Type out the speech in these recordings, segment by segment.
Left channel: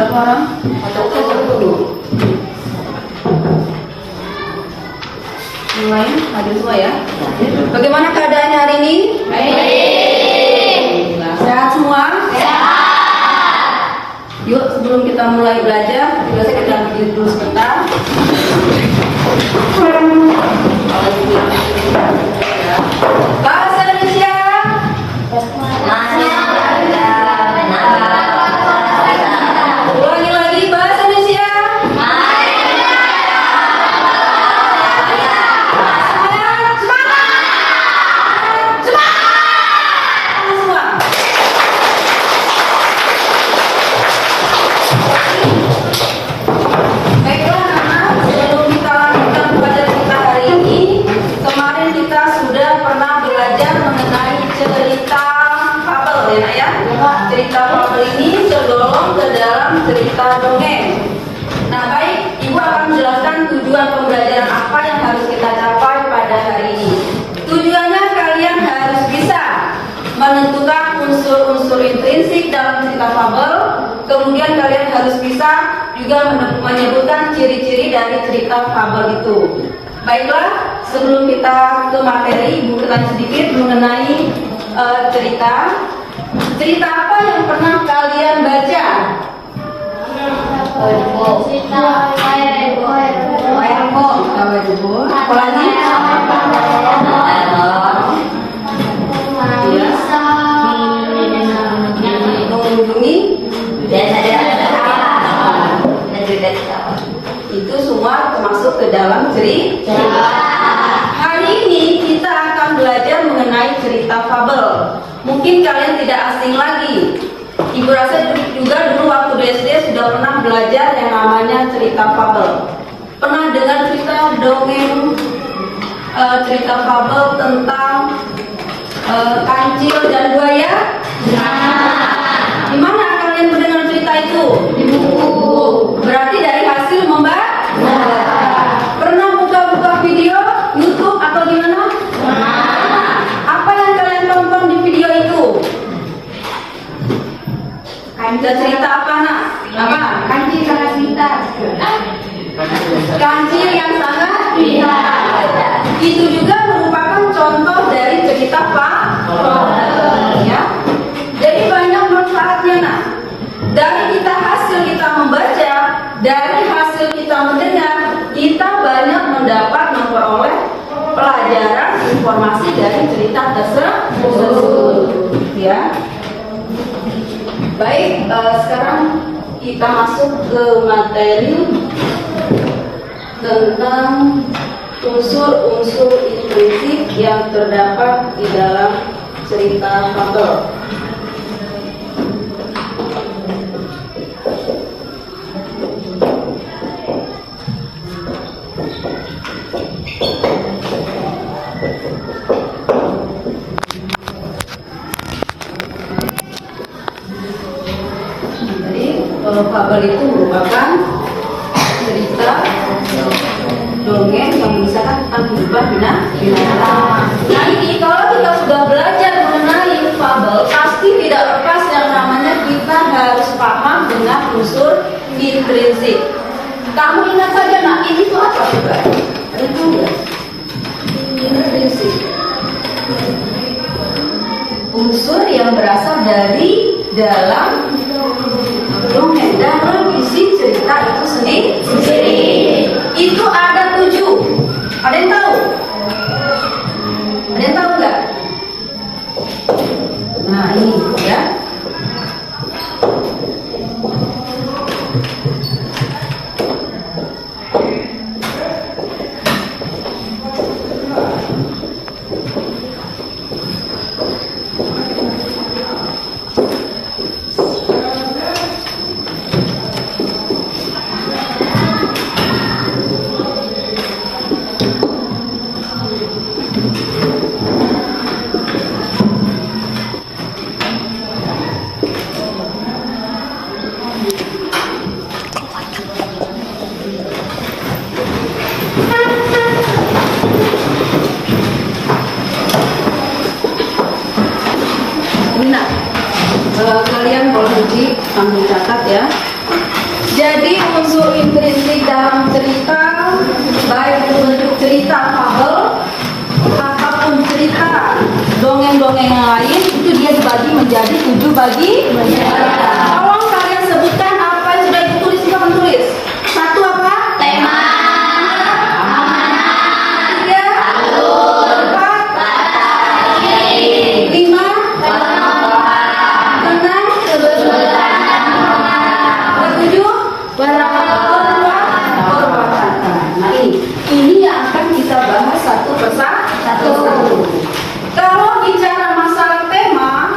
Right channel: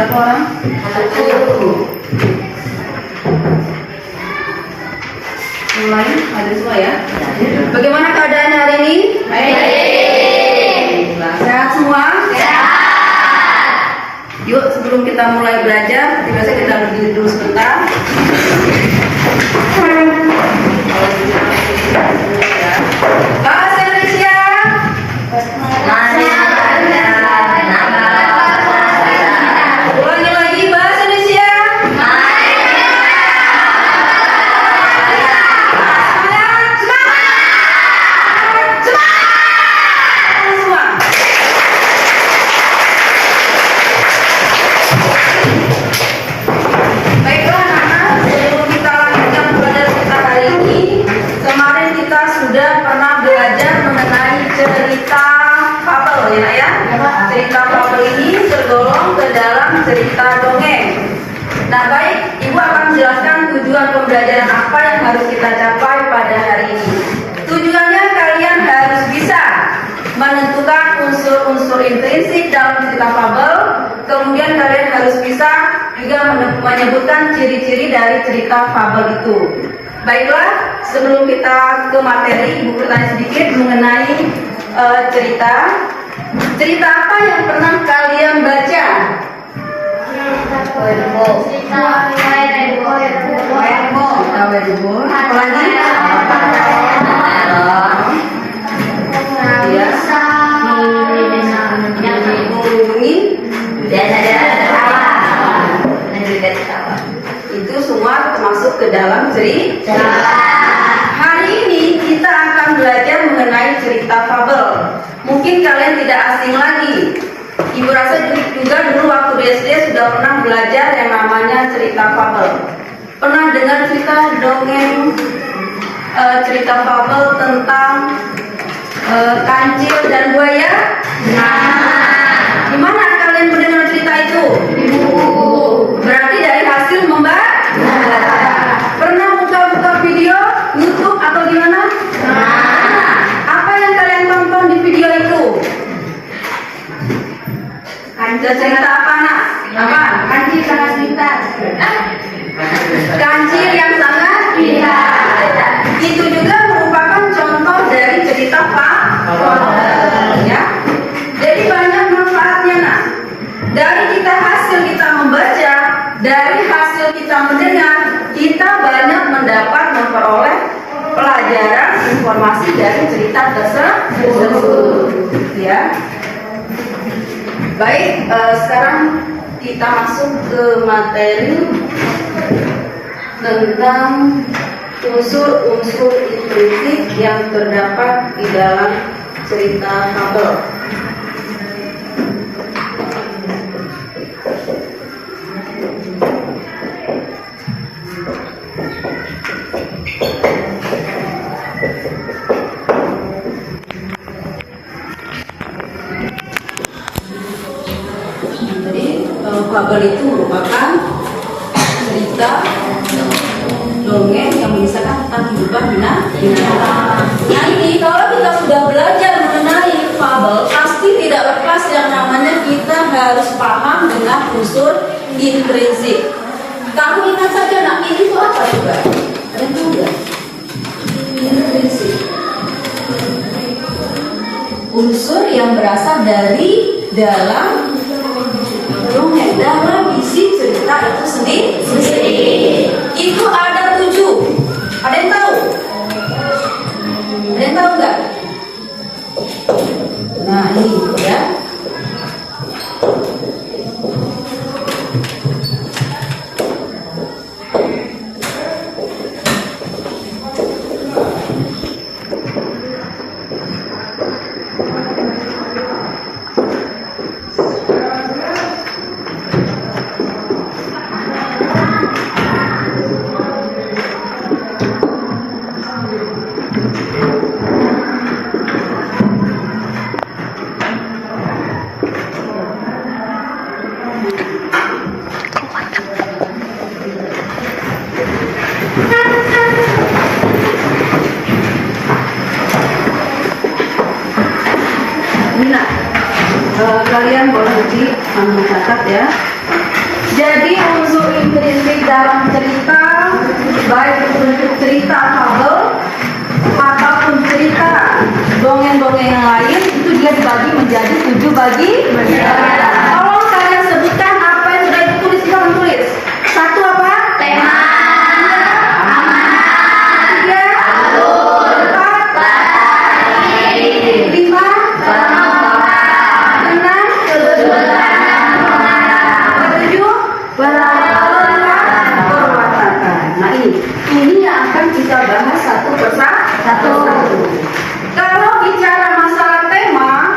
Berapa orang? Satu. Mulai, ada semua ya. Bagaimana keadaan hari ini? Baik. Sehat semua? Sehat. Yuk, sebelum kita mulai belajar, biasa kita berdiri dulu sebentar. Bahasa Indonesia. Ulangi lagi bahasa Indonesia. Baiklah anak-anak, sebelum kita lanjutkan belajar kita hari ini, kemarin kita sudah pernah belajar mengenai cerita fabel ya. Cerita fabel ini tergolong ke dalam cerita dongeng. Nah baik, Ibu akan menjelaskan tujuan pembelajaran apa yang harus kita capai pada hari ini. Tujuannya kalian harus bisa menentukan unsur-unsur intrinsik dalam cerita fabel. Kemudian kalian harus bisa juga menyebutkan ciri-ciri dari cerita fabel itu. Baiklah, sebelum kita ke materi, Ibu bertanya sedikit mengenai cerita. Cerita apa yang pernah kalian baca? Apalagi? Itu semua termasuk ke dalam cerita. Hari ini kita akan belajar mengenai cerita fabel. Mungkin kalian tidak asing lagi. Ibu rasa juga dulu waktu di SD sudah pernah belajar yang namanya cerita fabel. Pernah dengar cerita dongeng cerita fabel tentang kancil dan buaya? Di mana kalian mendengar cerita itu? Berarti dari hasil membaca. Pernah buka-buka video YouTube atau gimana? Apa yang kalian tonton di video itu? Cerita apa nak? Apa? Kancil sangat pintar. Kancil yang sangat pintar. Itu juga merupakan contoh dari cerita fabel, ya. Jadi banyak manfaatnya nak. Dari hasil kita membaca, dari hasil kita mendengar, kita banyak memperoleh pelajaran informasi dari cerita tersebut, ya. Baik, sekarang kita masuk ke materi tentang unsur-unsur intrinsik yang terdapat di dalam cerita fabel. Fabel itu merupakan cerita dongeng yang mengisahkan tentang kehidupan binatang. Nah ini kalau kita sudah belajar mengenai fabel, pasti tidak lepas yang namanya kita harus paham dengan unsur intrinsik. Kamu ingat saja, nah ini itu apa juga? Ada yang tahu nggak? Intrinsik. Unsur yang berasal dari dalam dongeng, dalam isi cerita itu sendiri. Itu ada 7. Ada yang tahu? Ada yang tahu nggak? Nah ini ya. Kalian boleh catat ya. menjadi 7 bagian. Tolong kalian sebutkan apa yang sudah ditulis. Kamu tulis. 1 apa? Tema. Tiga. 4. 5. 6. 7. Nah ini yang akan kita bahas satu persatu. Kalau bicara masalah tema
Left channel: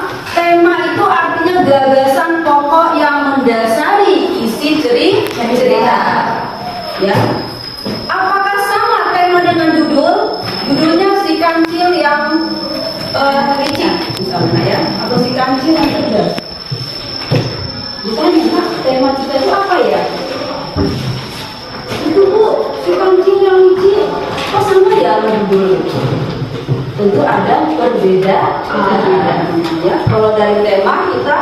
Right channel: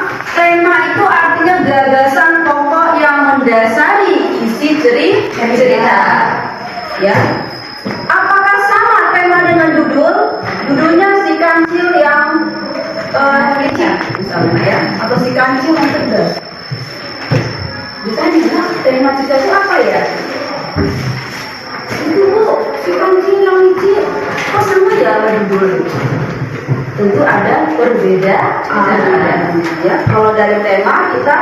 itu artinya gagasan pokok yang mendasari isi cerita. Ya. Apakah sama tema dengan judul? Judulnya si kancil yang licik misalnya ya, atau si kancil yang tegas. Ditanya, tema cerita itu apa ya? Itu Bu, si kancil yang licik. Kok sama ya sama judulnya? Tentu ada perbedaan. Ya, kalau dari tema kita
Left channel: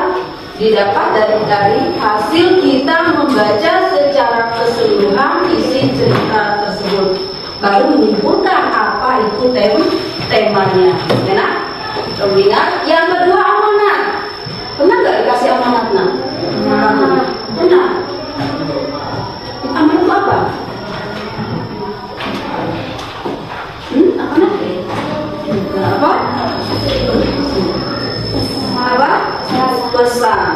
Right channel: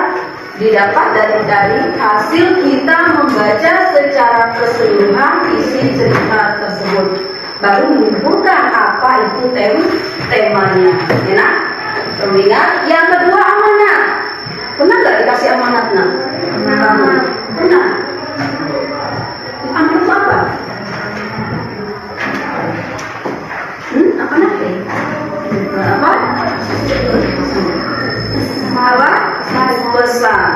didapat dari hasil kita membaca secara keseluruhan isi cerita tersebut, baru menyimpulkan apa itu temanya. Enak? Ingat. Yang kedua, amanat. Pernah nggak dikasih amanat? Pernah. Amanat itu apa? Amanat ya? Apa? Pesan.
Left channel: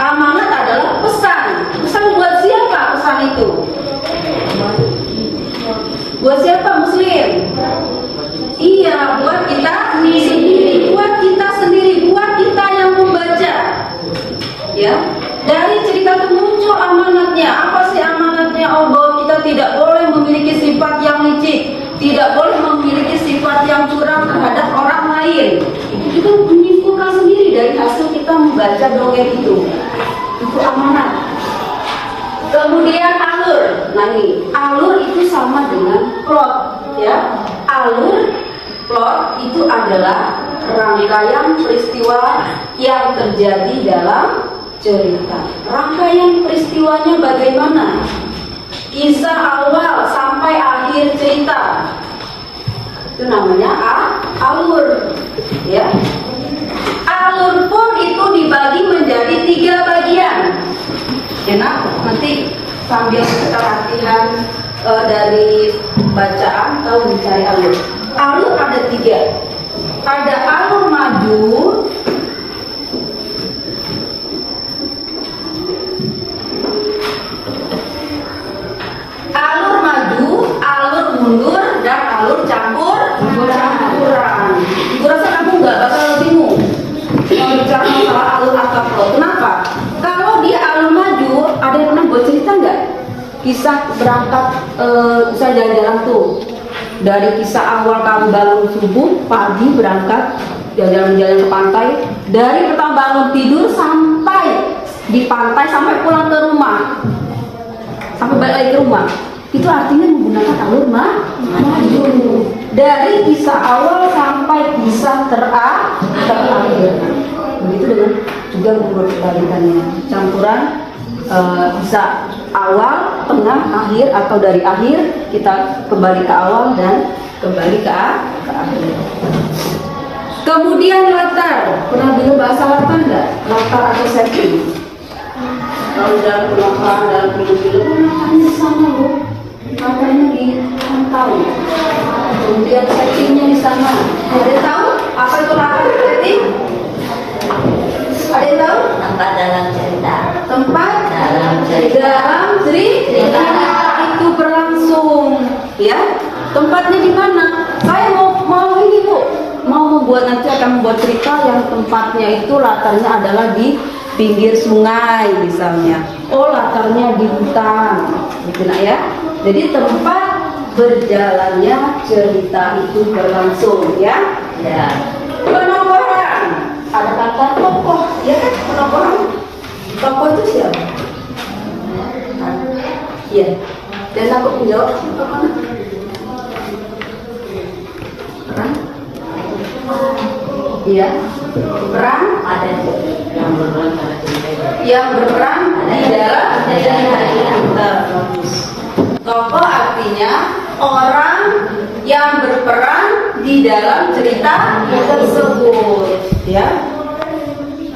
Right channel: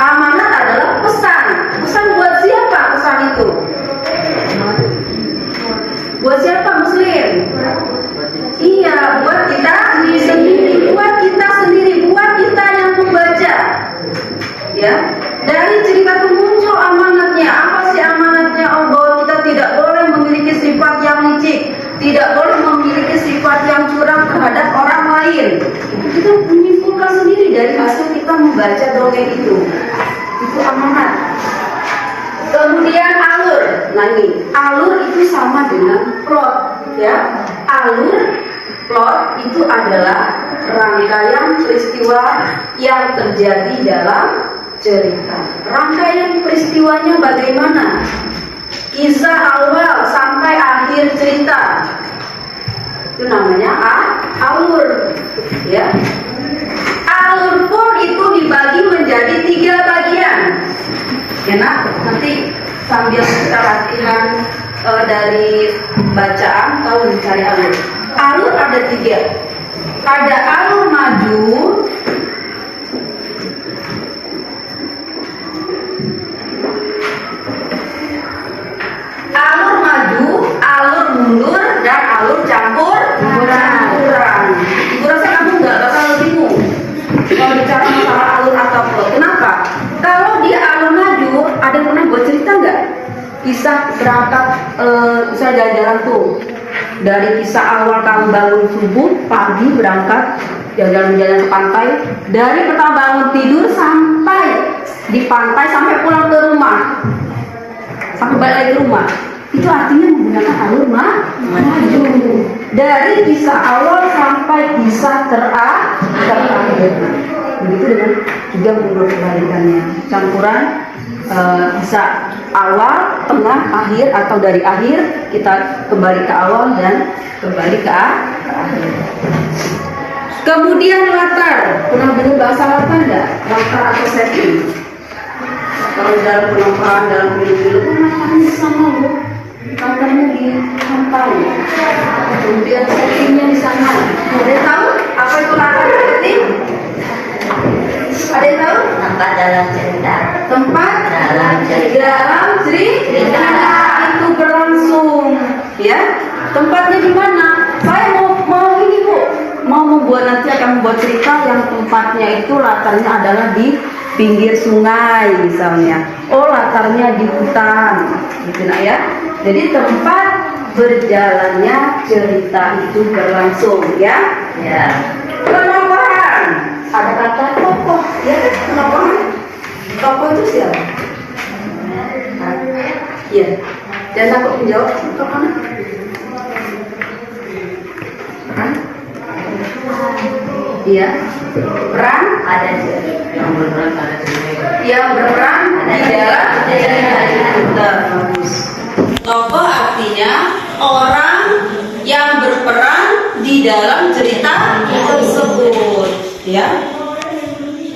Amanat adalah pesan. Pesan buat siapa pesan itu? Buat siapa? Muslim? Iya, buat kita sendiri. Buat kita sendiri, buat kita yang membaca. Ya, dari cerita itu muncul amanatnya. Apa sih amanatnya? Oh, bahwa kita tidak boleh memiliki sifat yang licik, tidak boleh memiliki sifat yang curang terhadap orang lain. Itu kita menyimpulkan sendiri dari hasil kita membaca dongeng itu. Itu amanat. Kemudian alur. Nah ini, alur itu sama dengan plot, ya. Alur, plot itu adalah rangkaian peristiwa yang terjadi dalam cerita. Rangkaian peristiwanya bagaimana? Kisah awal sampai akhir cerita. Itu namanya alur, ya. Alur pun itu dibagi menjadi 3 bagian. Enak, nanti sambil kita latihan dari bacaan atau mencari alur. Alur ada 3. Ada alur maju, alur mundur, dan alur campuran. Gue rasa kamu nggak bakal bingung kalau bicara masalah alur atau plot. Kenapa? Kalau dia alur maju, ada pernah buat cerita nggak? Kisah berangkat, bisa jalan-jalan tuh. Dari kisah awal kamu bangun subuh, pagi berangkat jalan-jalan ke pantai. Dari pertama bangun tidur sampai di pantai, sampai pulang ke rumah, sampai balik lagi ke rumah. Itu artinya menggunakan alur maju. Dari kisah awal sampai kisah terakhir. Begitu dengan juga menurut kebalikannya. Campuran kisah awal, tengah, akhir, atau dari akhir kita kembali ke awal dan kembali ke akhir. Kemudian latar. Pernah dengar bahasa latar enggak? Latar atau setting. Kalau dalam penongkrongan, dalam film-film, latarnya sama loh. Latarnya di pantai. Kemudian settingnya di sana. Ada yang tahu apa itu latar setting? Ada yang tahu? Tempat dalam cerita. Tempat dalam cerita itu berlangsung, ya. Tempatnya di mana? Saya mau ini Bu, mau membuat, nanti akan membuat cerita yang tempatnya itu latarnya adalah di pinggir sungai misalnya. Oh, latarnya di hutan, gitu nak ya. Jadi tempat berjalannya cerita itu berlangsung, ya. Ya. Penokohan. Ada kata tokoh, ya kan? Penokohan. Tokoh itu siapa? Iya. Jangan takut menjawab. Tokoh. Peran? Iya. Peran Ada yang berperan di dalam cerita. Tokoh artinya orang yang berperan di dalam cerita tersebut, ya.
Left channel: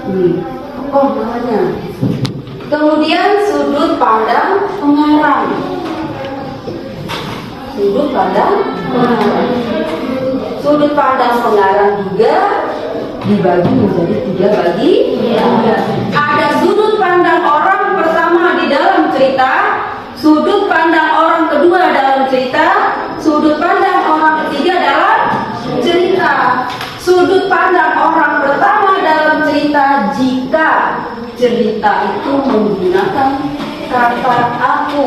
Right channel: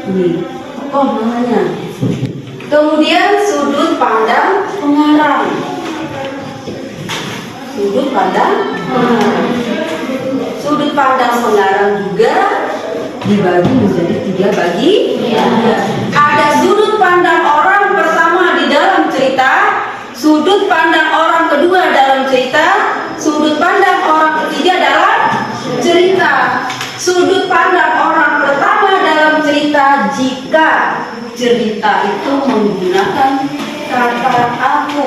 Ini tokoh namanya. Kemudian sudut pandang pengarang. Sudut pandang pengarang. Sudut pandang pengarang juga dibagi menjadi 3 bagian. Ada sudut pandang orang pertama di dalam cerita, sudut pandang orang kedua dalam cerita, sudut pandang orang ketiga dalam cerita. Sudut pandang orang pertama dalam cerita jika cerita itu menggunakan kata aku.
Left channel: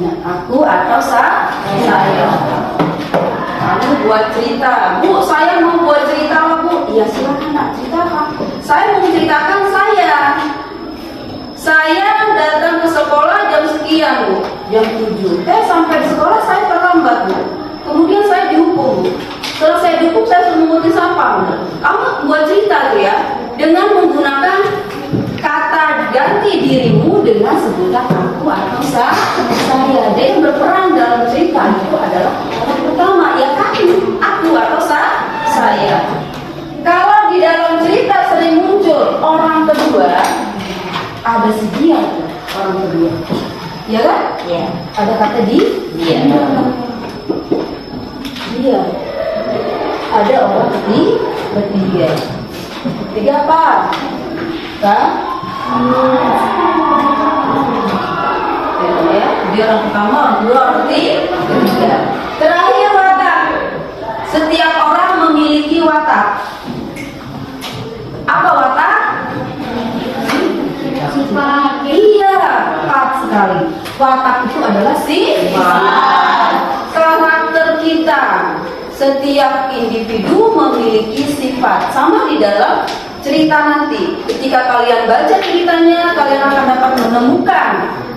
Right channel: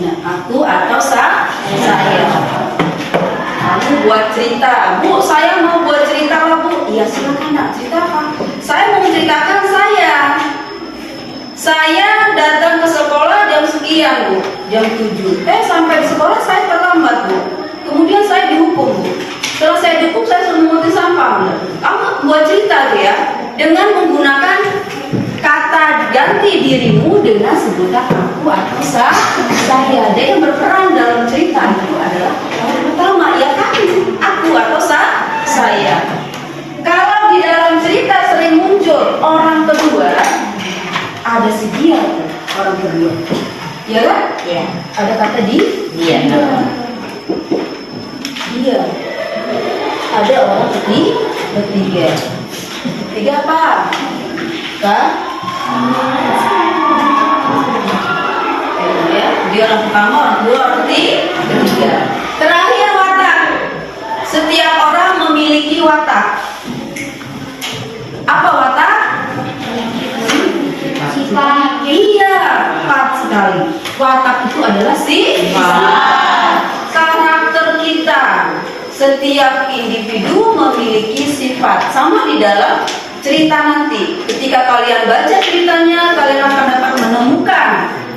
Nah, aku atau saya. Kamu buat cerita, Bu. Saya mau buat cerita lah, Bu. Iya silakan nak ceritakan. Saya mau menceritakan saya datang ke sekolah jam sekian, Bu. Jam 7. Sampai di sekolah saya terlambat, Bu. Kemudian saya dihukum, Bu. Setelah saya dihukum, saya suruh menguntit sampah, Bu. Kamu buat cerita tuh ya, dengan menggunakan kata ganti dirimu dengan sebutan aku atau saya. Dia yang berperan dalam cerita itu adalah orang pertama, ya kan? Aku atau saya. Kalau di dalam cerita sering muncul orang kedua, ada si dia tuh, orang kedua. Ya kan? Ya. Ada kata dia. Dia. Ada orang ketiga. Ketiga apa? Kan? Ya, dia orang pertama, orang kedua, orang ketiga. Terakhir watak. Setiap orang memiliki watak. Apa watak? Sifat. Iya, tepat sekali. Watak itu adalah sifat. Karakter kita. Setiap individu memiliki sifat. Sama di dalam cerita nanti. Ketika kalian baca ceritanya, kalian akan dapat menemukan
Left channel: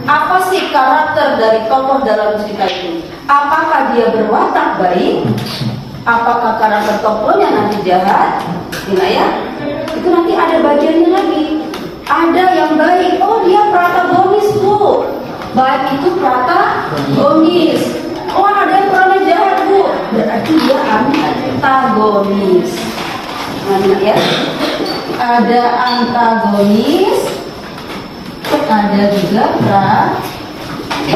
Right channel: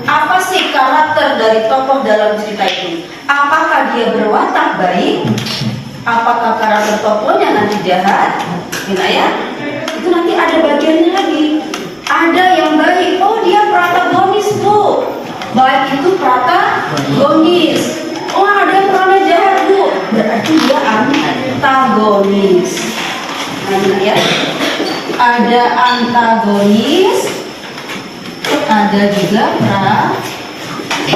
apa sih karakter dari tokoh dalam cerita itu. Apakah dia berwatak baik? Apakah karakter tokohnya nanti jahat? Ya, itu nanti ada bagiannya lagi. Ada yang baik, oh dia protagonis, Bu. Baik itu protagonis. Oh ada yang perannya jahat, Bu. Berarti dia antagonis. Nah ya, ada antagonis, ada juga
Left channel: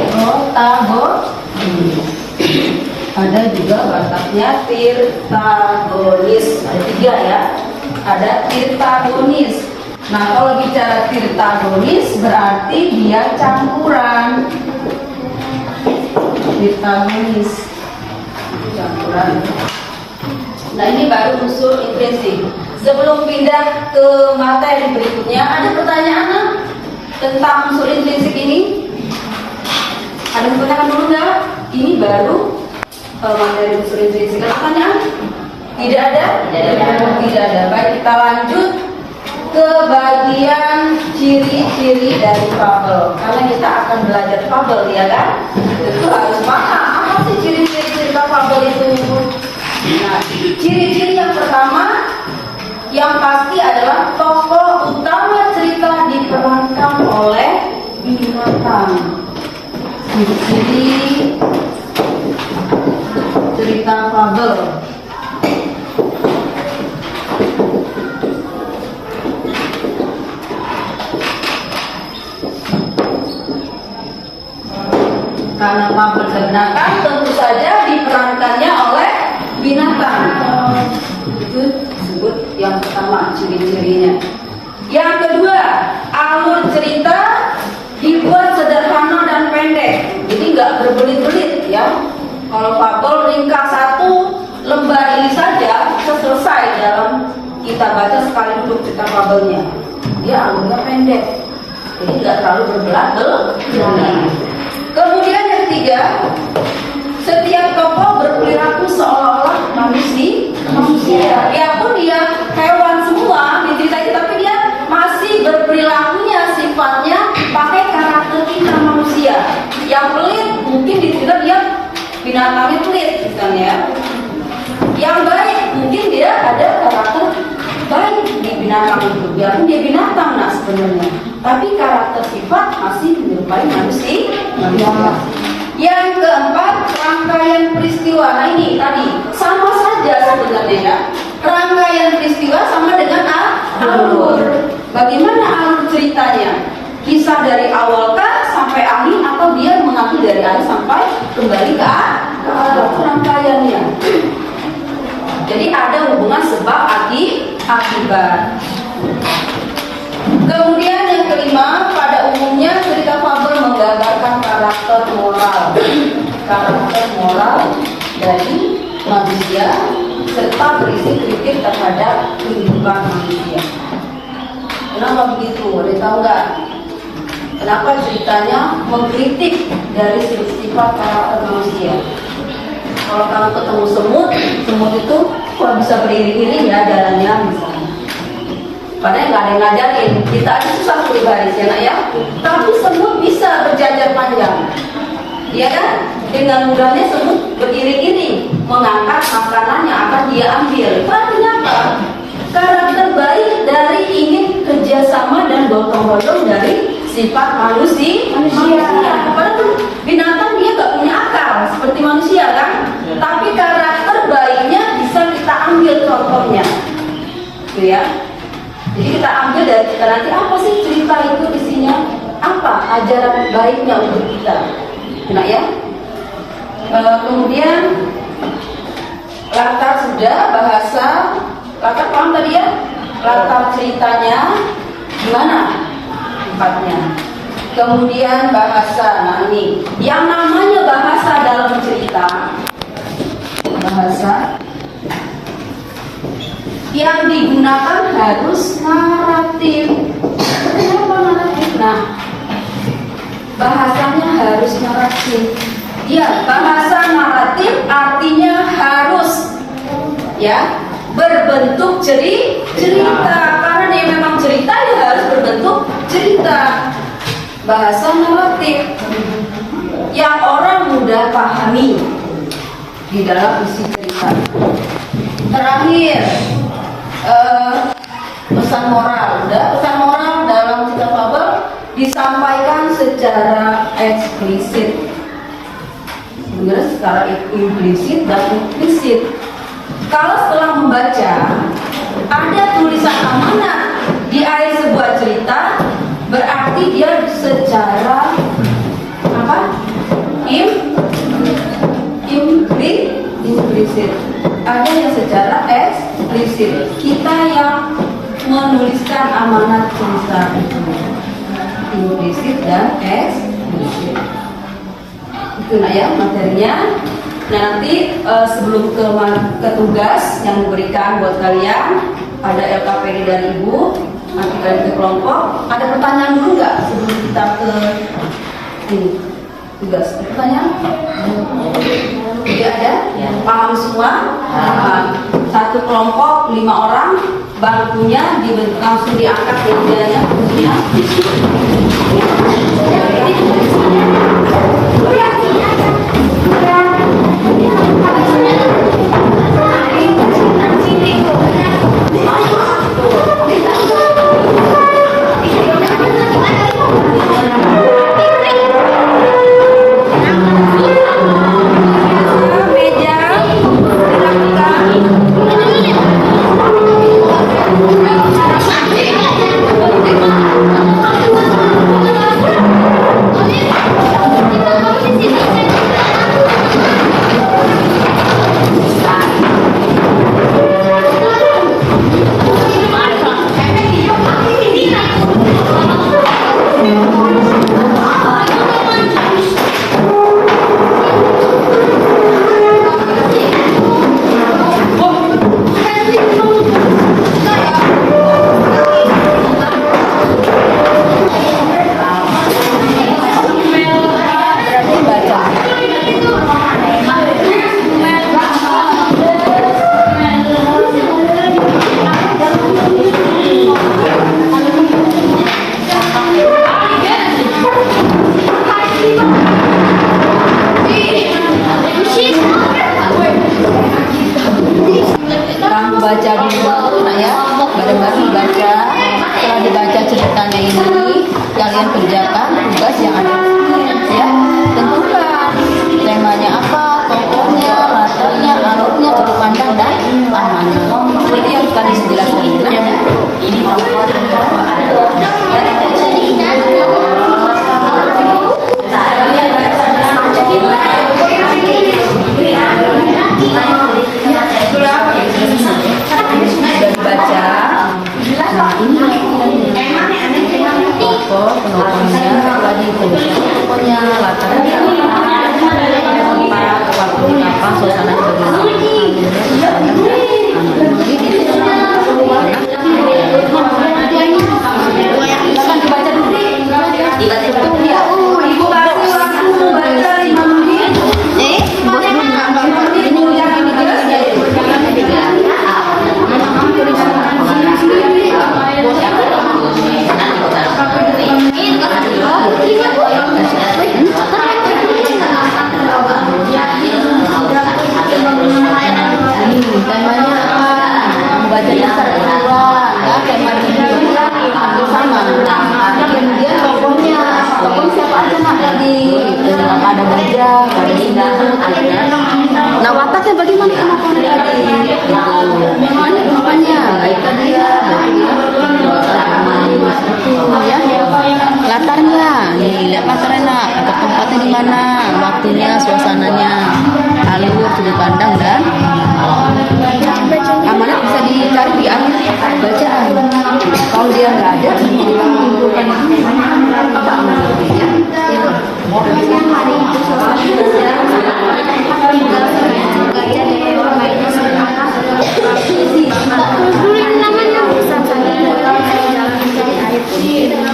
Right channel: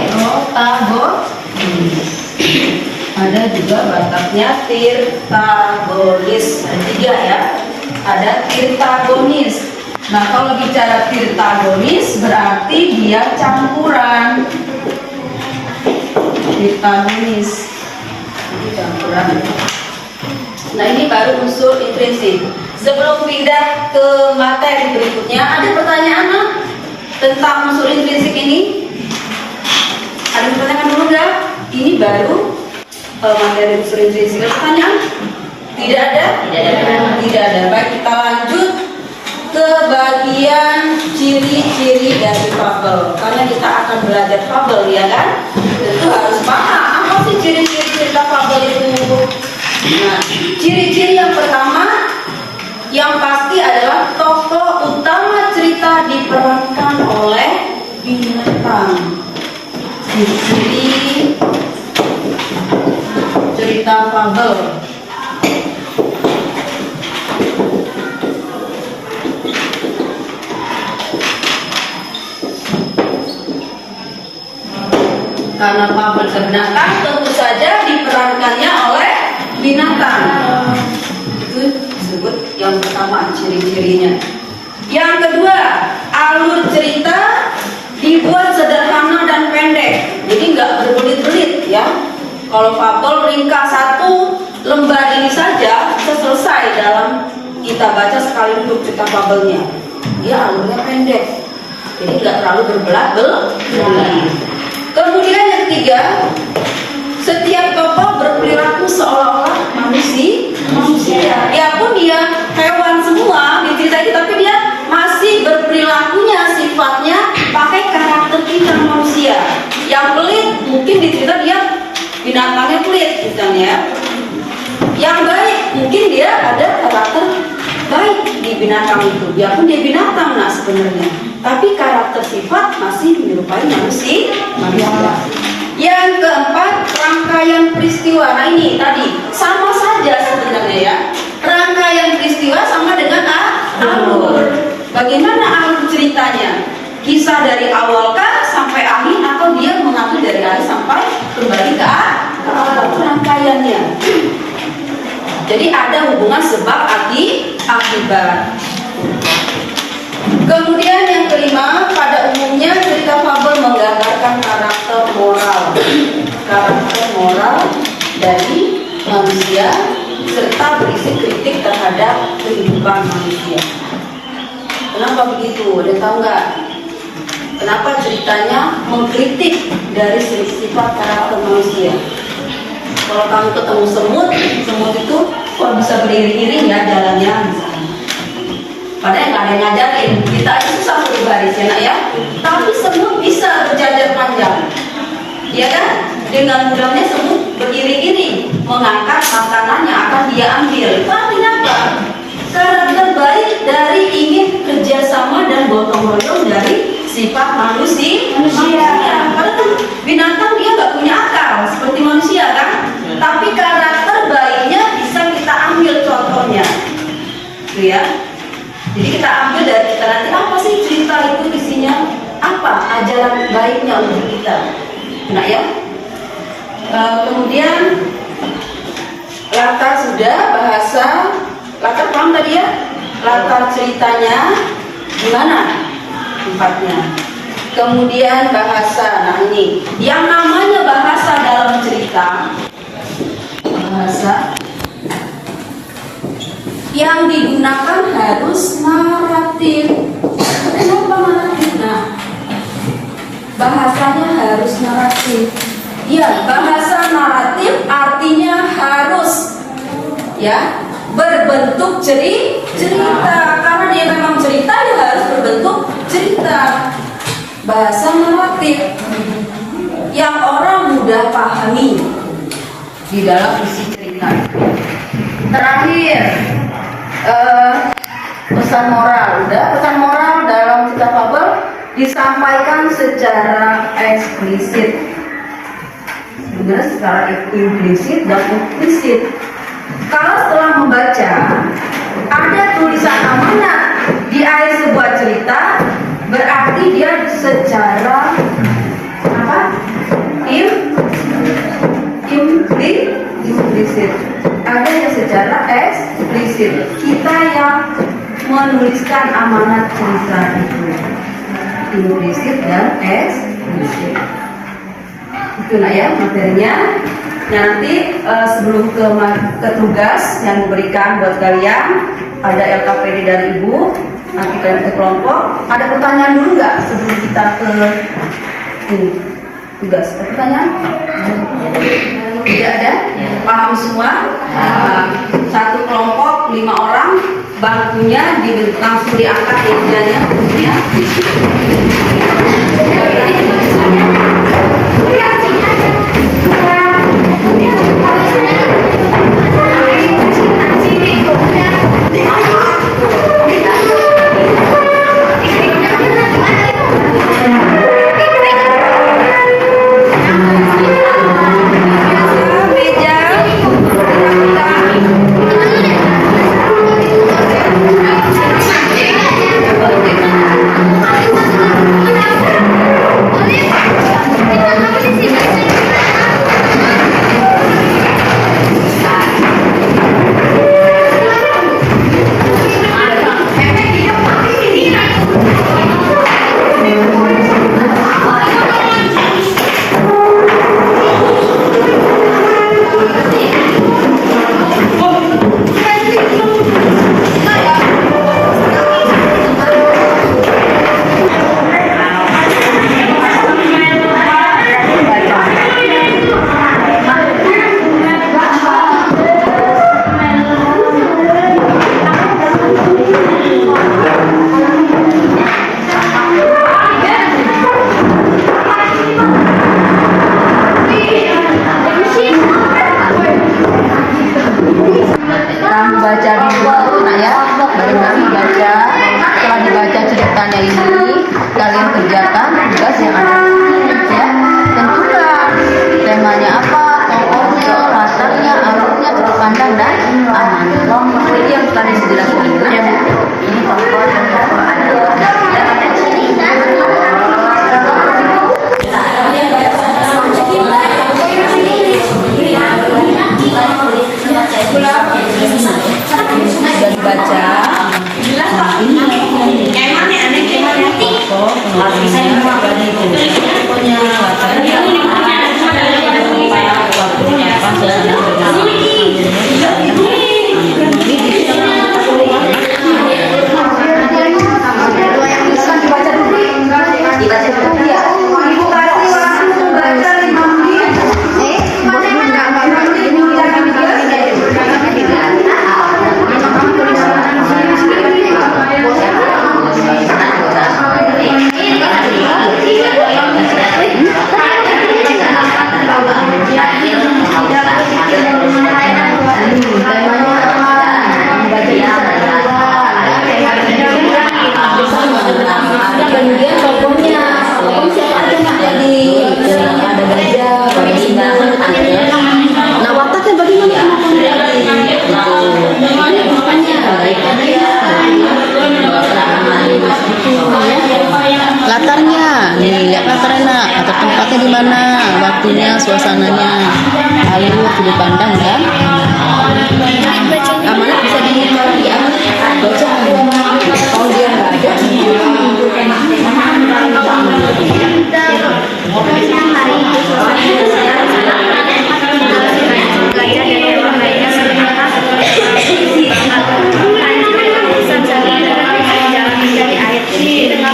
protagonis. Ada juga wataknya tirtagonis. Ada 3 ya. Ada tirtagonis. Nah kalau bicara tirtagonis berarti dia campuran. Tirtagonis campuran. Nah ini baru unsur intrinsik. Sebelum pindah ke materi berikutnya, ada pertanyaan tentang unsur intrinsik ini? Ada pertanyaan dulu nggak? Ini baru materi unsur intrinsik. Pertanyaan? Tidak ada? Tidak ada. Baik, kita lanjut ke bagian ciri-ciri dari fabel. Karena kita akan belajar fabel, ya kan? Tentu harus paham apa sih ciri-ciri cerita fabel itu. Nah, ciri-ciri yang pertama yang pasti adalah tokoh utama cerita diperankan oleh binatang. Ciri-ciri cerita fabel. Karena fabel binatang tentu saja diperankannya oleh binatang. Itu disebut yang pertama ciri-cirinya. Yang kedua, alur cerita dibuat sederhana dan pendek, jadi nggak berbelit-belit ya. Kalau fabel ringkas 1 lembar ini saja bisa selesai dalam kita baca sekali duduk cerita fabelnya. Dia alurnya pendek, jadi nggak terlalu berbelat-belit. Kemudian yang ketiga, setiap tokoh berperilaku seolah-olah manusia. Ya pun dia hewan semua di cerita itu, tapi dia masih berperilakunya, sifatnya pakai karakter kita manusia. Yang pelit mungkin di cerita dia binatangnya pelit misalnya. Yang baik mungkin dia ada karakter baik di binatang itu. Ya pun dia binatang sebenarnya, tapi karakter sifat masih menyerupai manusia. Yang keempat, rangkaian peristiwa. Nah ini tadi sama saja kisah dari awal kah sampai akhir, atau dia mengakhiri dari akhir sampai kembali ke awal rangkaiannya. Jadi ada hubungan sebab akibat. Kemudian yang kelima, pada umumnya cerita fabel menggambarkan karakter moral dari manusia serta berisi kritik terhadap kehidupan manusia. Kenapa begitu? Ada tahu nggak? Kenapa ceritanya mengkritik dari sifat karakter manusia? Kalau kamu ketemu semut itu kok bisa beriring-iring ya jalannya misalnya. Padahal nggak ada yang ngajarin, kita aja susah berbaris ya nak ya. Tapi semut bisa berjajar panjang, ya kan? Dengan mudahnya semut beriring-iring mengangkat makanan yang akan dia ambil. Itu artinya apa? Karakter baik dari ingin kerjasama dan gotong royong dari sifat manusia. Padahal kan binatang dia nggak punya akal seperti manusia kan? Tapi karakter baiknya bisa kita ambil contohnya, gitu ya. Jadi kita ambil dari kita nanti apa sih cerita itu isinya, apa ajaran baiknya untuk kita, nah ya. Kemudian latar sudah bahasa, latar paham tadi ya, latar ceritanya gimana tempatnya. Kemudian bahasa, nah ini yang namanya bahasa dalam cerita, bahasa yang digunakan harus naratif. Kenapa naratif? Nah, bahasanya harus naratif. Ya, bahasa naratif artinya harus ya berbentuk cerita. Karena dia memang cerita, ya harus berbentuk cerita. Bahasa naratif yang orang mudah pahami di dalam isi cerita. Terakhir, pesan moral. Pesan moral dalam cerita fabel disampaikan secara eksplisit, sebenarnya secara implisit dan eksplisit. Kalau setelah membaca ada tulisan amanat di akhir sebuah cerita, berarti dia secara apa? Implisit. Ada yang secara eksplisit. Kita yang menuliskan amanat cerita itu implisit dan eksplisit. Itu nak ya materinya. Nah, nanti sebelum ke tugas yang diberikan buat kalian, ada LKPD dari ibu. Nanti kalian ke kelompok. Ada pertanyaan dulu nggak sebelum kita ke ini tugas? Ada pertanyaan? Tidak ada? Paham semua? Satu kelompok 5 orang, bangkunya langsung diangkat mejanya. Baca dulu nak ya, bareng-bareng baca. Setelah dibaca ceritanya ini, kalian kerjakan tugas yang ada ya. Tentukan temanya apa, tokohnya, latarnya, alurnya, sudut pandang dan amanah. Jadi yang kalian jelaskan itu ini tokoh dan tokoh ada. bisa keluar ya kayak sama. Kemudian tokohnya, tokoh siapa aja nak tadi? Ada gajah, ada singa. Nah wataknya bagaimana penampakan tadi? Makanya baik tadi ya. Latarnya, nih lihat latarnya, latar tempatnya di mana, waktunya, suasananya, alur sudut pandang dan amanat bisa dicari ya bacaan. Kalau dia nggak ada, menunjukkan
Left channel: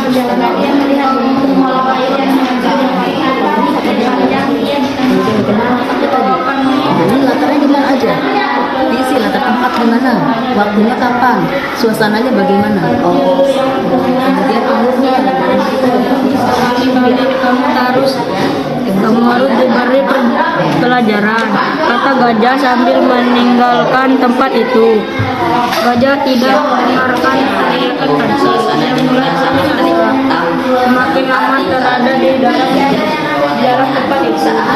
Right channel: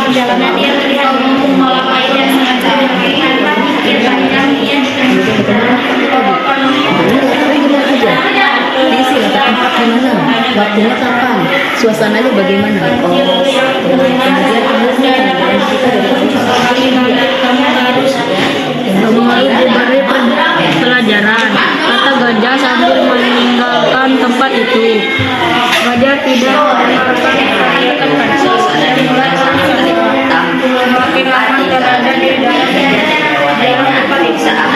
perjalanan dia melihat kolam air yang sangat jauh, kelihatan bukit panjang yang latarnya di mana aja? Diisi latar tempat di mana? Waktunya kapan? Suasananya bagaimana? Kemudian alurnya kamu harus diberi pelajaran, kata gajah sambil meninggalkan tempat itu. Gajah tidak suasana di luar sangat hitam, berarti ada pemeriksaan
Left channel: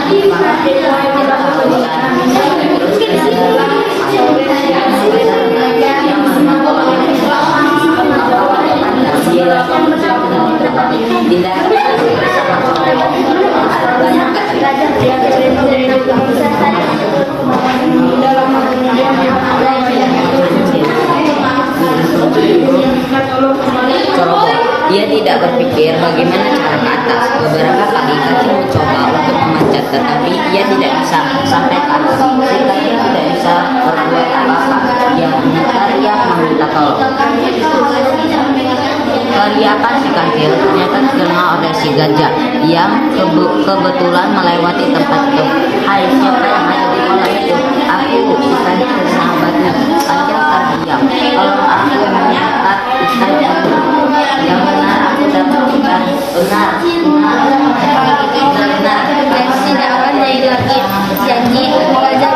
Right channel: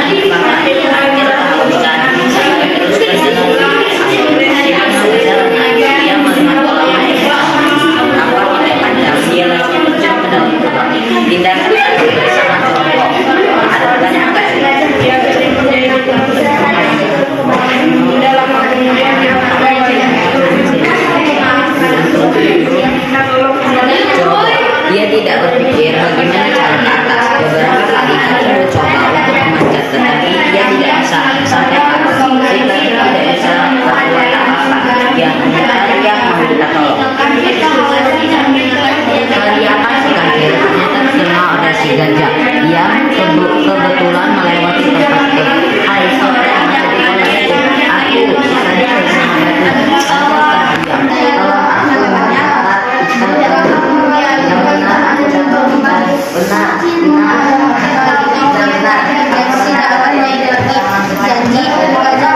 dia tidak berpikir bagaimana cara ke atas. Beberapa kali kaki mencoba untuk memanjat, tetapi dia tidak bisa sampai ke atas. Si kaki tidak bisa berbuat apa-apa. Dia teriak meminta tolong. Teriakan si kancil ternyata terdengar oleh si gajah yang kebetulan melewati tempat itu. Hai, siapa yang ada di kolam itu? Aku, si kancil sahabatnya. Anda terdiam. Tolong aku mengangkat ikan yang benar aku dapatkan. Benar. janji wajah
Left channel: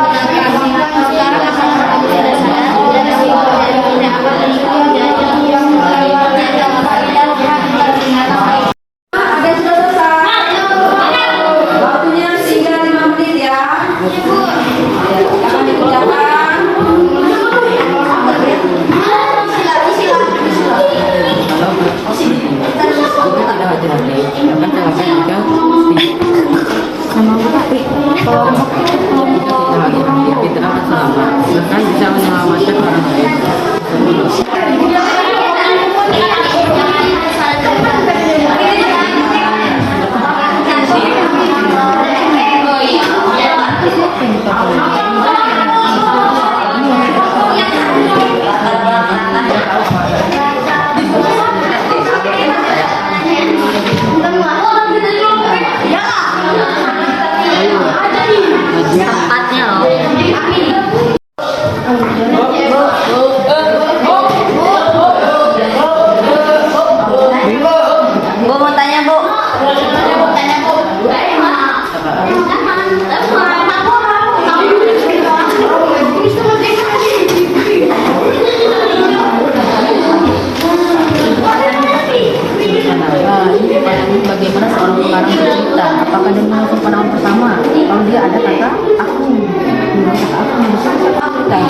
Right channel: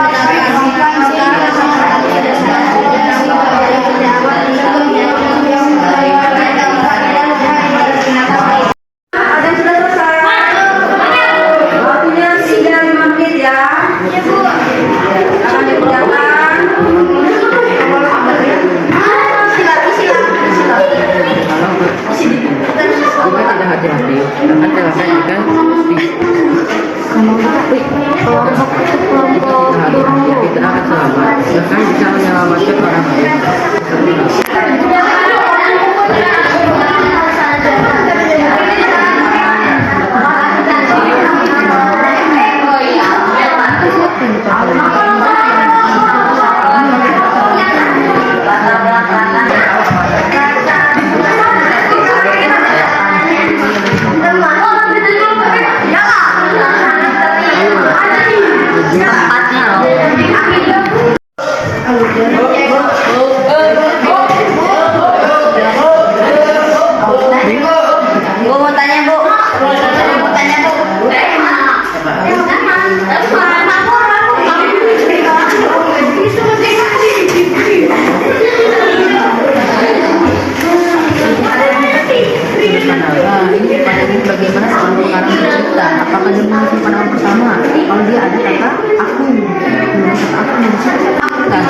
Ada sudah selesai. Waktunya 3-5 menit ya. Akan dikerjakan. Bisa menyelamatkan orang lain. Tempatnya loh. Bu mau tanya bu. Bagaimana seorang pengarang bercerita? Apakah dia mengatakan pandangan pertama? Kalau dia ada kata aku, kata aku, bukan.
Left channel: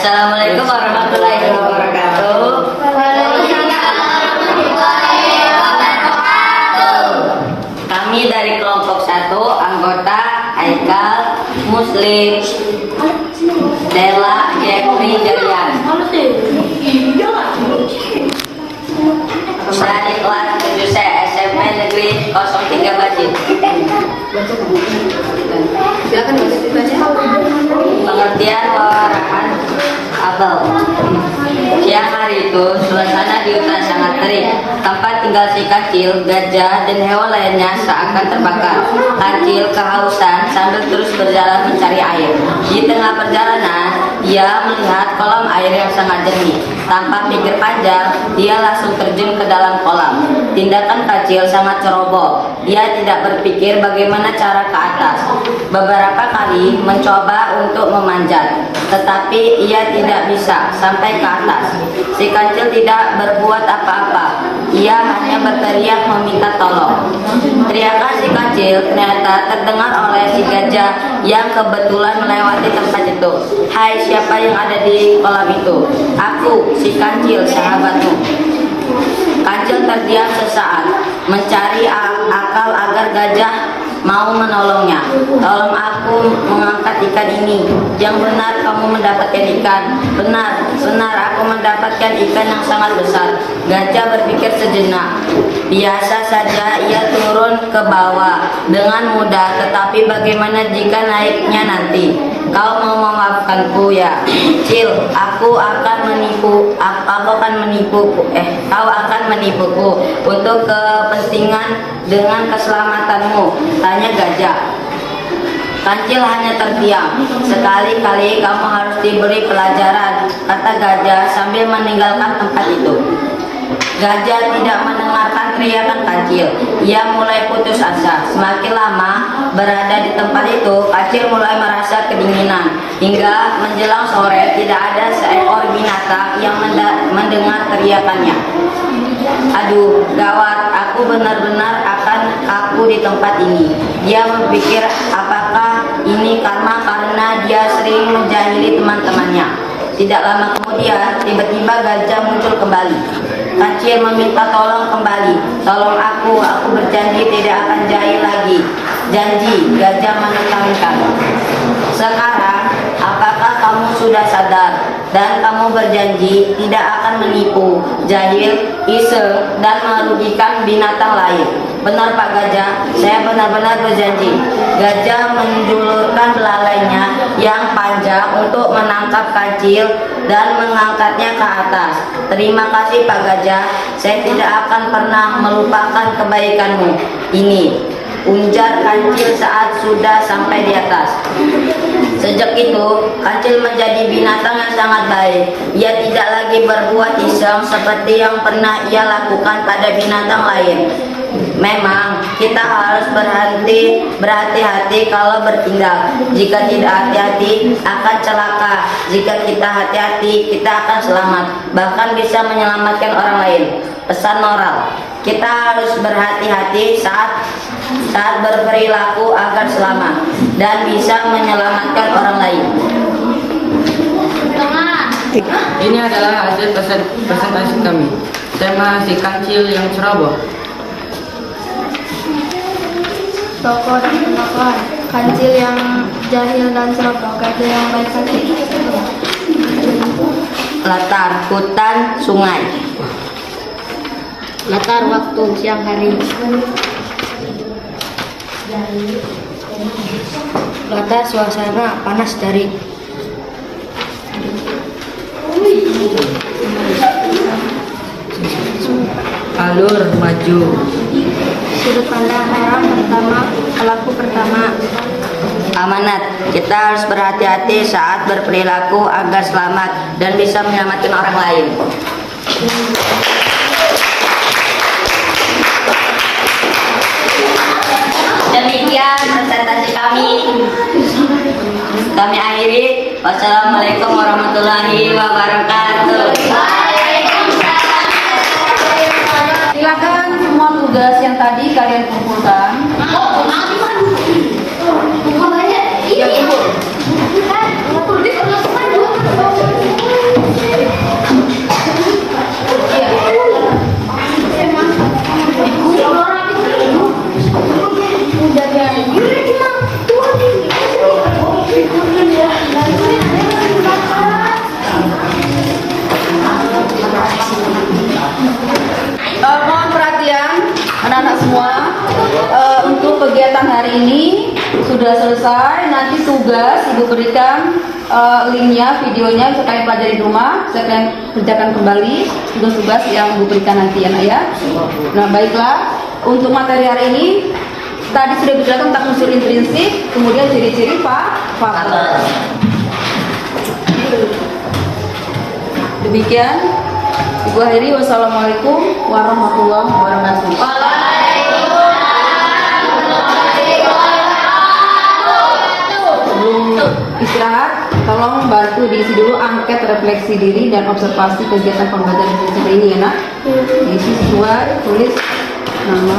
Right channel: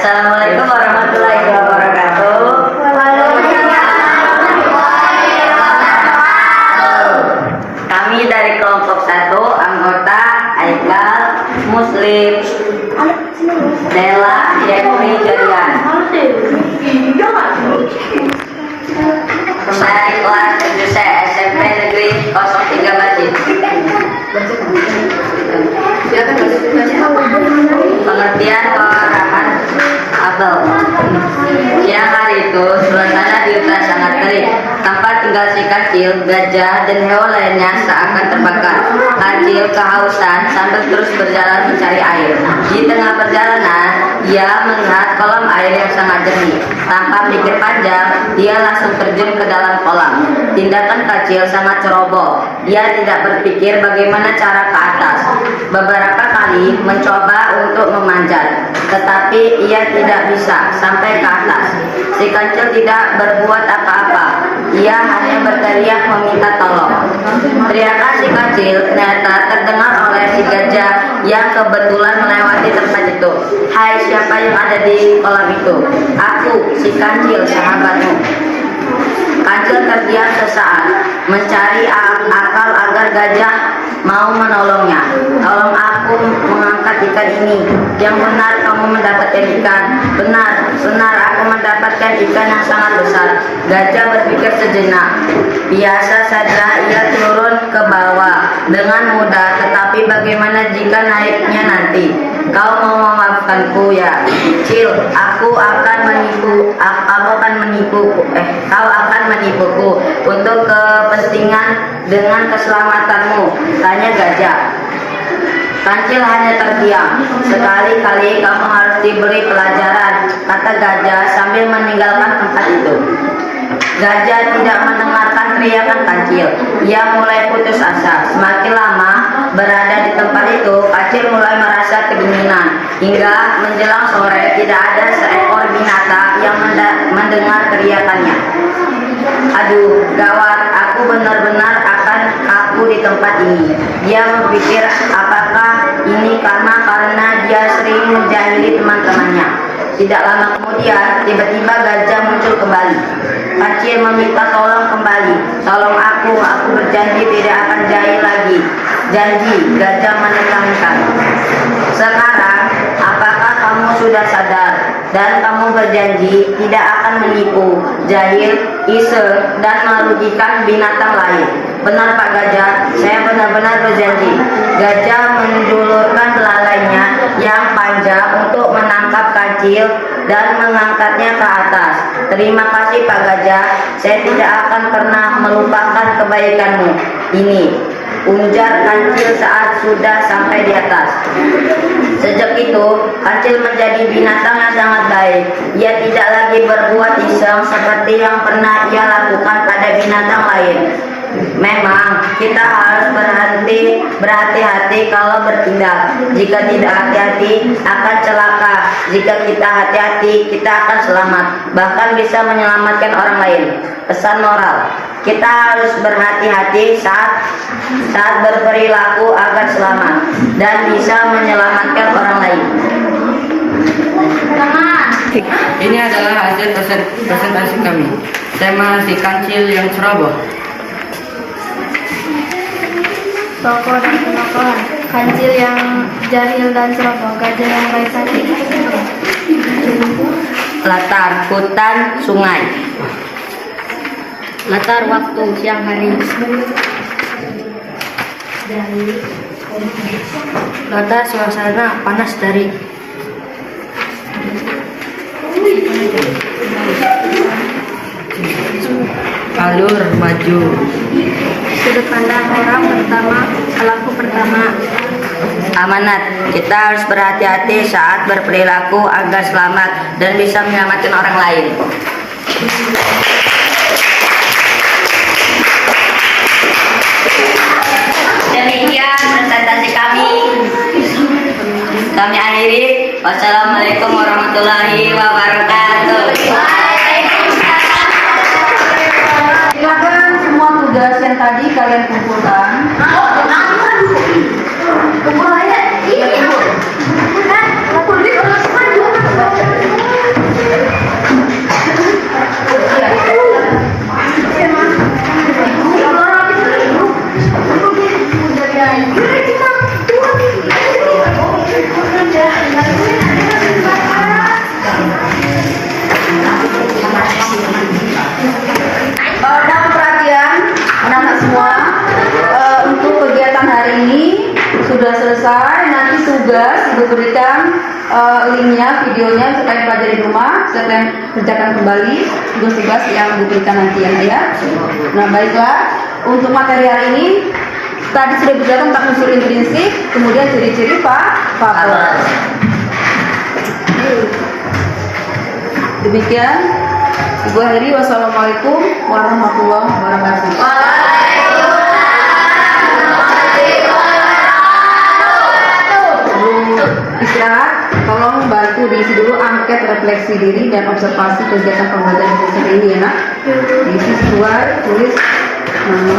Assalamualaikum warahmatullahi wabarakatuh. Kami dari kelompok 1, anggota Aikal, Muslim, Lela, Jeffrey, Gerian. Saya di kelas 7C SMP Negeri 03 Bajit. Silakan baca. Pengertian perorangan Abel. Siang hari itu suasana di hutan sangat terik. Tempat tinggal si Kancil, gajah, dan hewan lainnya seakan terbakar. Kancil kehausan sambil terus berjalan mencari air. Di tengah perjalanan, ia melihat kolam air yang sangat jernih. Tanpa pikir panjang, dia langsung terjun ke dalam kolam. Tindakan Kancil sangat ceroboh. Dia tidak berpikir bagaimana cara ke atas. Beberapa kali mencoba untuk memanjat, tetapi ia tidak bisa sampai ke atas. Si Kancil tidak berbuat apa-apa. Ia hanya berteriak meminta tolong. Teriakan si Kancil ternyata terdengar oleh si gajah yang kebetulan melewati tempat itu. Hai, siapa yang ada di kolam itu? Aku, si Kancil, sahabatmu. Kancil terdiam sesaat, mencari akal agar gajah mau menolongnya. Tolong aku mengangkat ikan ini. Yang benar kamu mendapatkan ikan. Benar, aku mendapatkan ikan yang sangat besar. Gajah berpikir sejenak. Biasa saja ia turun ke bawah dengan mudah, tetapi bagaimana jika naiknya nanti? Kau mau memaafkanku ya, Cil? Kau akan menipuku untuk kepentingan dengan keselamatanmu, tanya gajah. Kancil hanya terdiam. Sekali-kali kamu harus diberi pelajaran, kata gajah sambil meninggalkan tempat itu. Gajah tidak mendengarkan teriakan Kancil. Ia mulai putus asa. Semakin lama berada di tempat itu, Kancil mulai merasa kedinginan. Hingga menjelang sore tidak ada seekor binatang yang mendengar teriakannya. Aduh, gawat, aku benar-benar akan kaku di tempat ini. Dia berpikir apakah ini karena dia sering menjahili teman-temannya. Tidak lama kemudian, tiba-tiba gajah muncul kembali. Kancil meminta tolong kembali. Tolong aku berjanji tidak akan jahil lagi. Janji, gajah menekankan. Sekarang, apakah kamu sudah sadar dan kamu berjanji tidak akan menipu, jahil, iseng, dan merugikan binatang lain? Benar Pak Gajah, saya benar-benar berjanji. Gajah menjulurkan belalainya yang panjang untuk menangkap Kancil dan mengangkatnya ke atas. Terima kasih Pak Gajah, saya tidak akan pernah melupakan kebaikanmu ini, ujar Kancil saat sudah sampai di atas. Sejak itu, Kancil menjadi binatang yang sangat baik. Ia tidak lagi berbuat iseng seperti yang pernah ia lakukan pada binatang lain. Memang kita harus berhati-hati kalau bertindak. Jika tidak hati-hati akan celaka. Jika kita hati-hati kita akan selamat, bahkan bisa menyelamatkan orang lain. Pesan moral, kita harus berhati-hati saat berperilaku agar selamat dan bisa menyelamatkan orang lain. Ini adalah hasil presentasi kami. Tema si Kancil yang ceroboh. Tokoh dan penokohan. Kancil yang jahil dan ceroboh, gajah yang baik hati. Latar hutan sungai. Latar waktu siang hari. Latar suasana panas terik. Alur maju. Sudut pandang orang pertama, pelaku pertama. Amanat, kita harus berhati-hati saat berperilaku agar selamat dan bisa menyelamatkan orang lain. Demikian presentasi kami. Kami akhiri. Wassalamualaikum warahmatullahi wabarakatuh. Silakan semua tugas yang tadi kalian kumpulkan. Kumpul aja. Iya, kumpul. linknya, videonya bisa kalian pelajari di rumah, bisa kalian kerjakan kembali tugas-tugas yang Bu berikan nanti ya nak ya. Nah baiklah, untuk materi hari ini tadi sudah berbicara tentang unsur intrinsik, kemudian ciri-ciri fabel. Demikian, Ibu akhiri. Wassalamualaikum warahmatullahi wabarakatuh. Sebelum istirahat, tolong bantu diisi dulu angket refleksi diri dan observasi kegiatan pembelajaran hari ini ya nak. Diisi sesuai, tulis nama.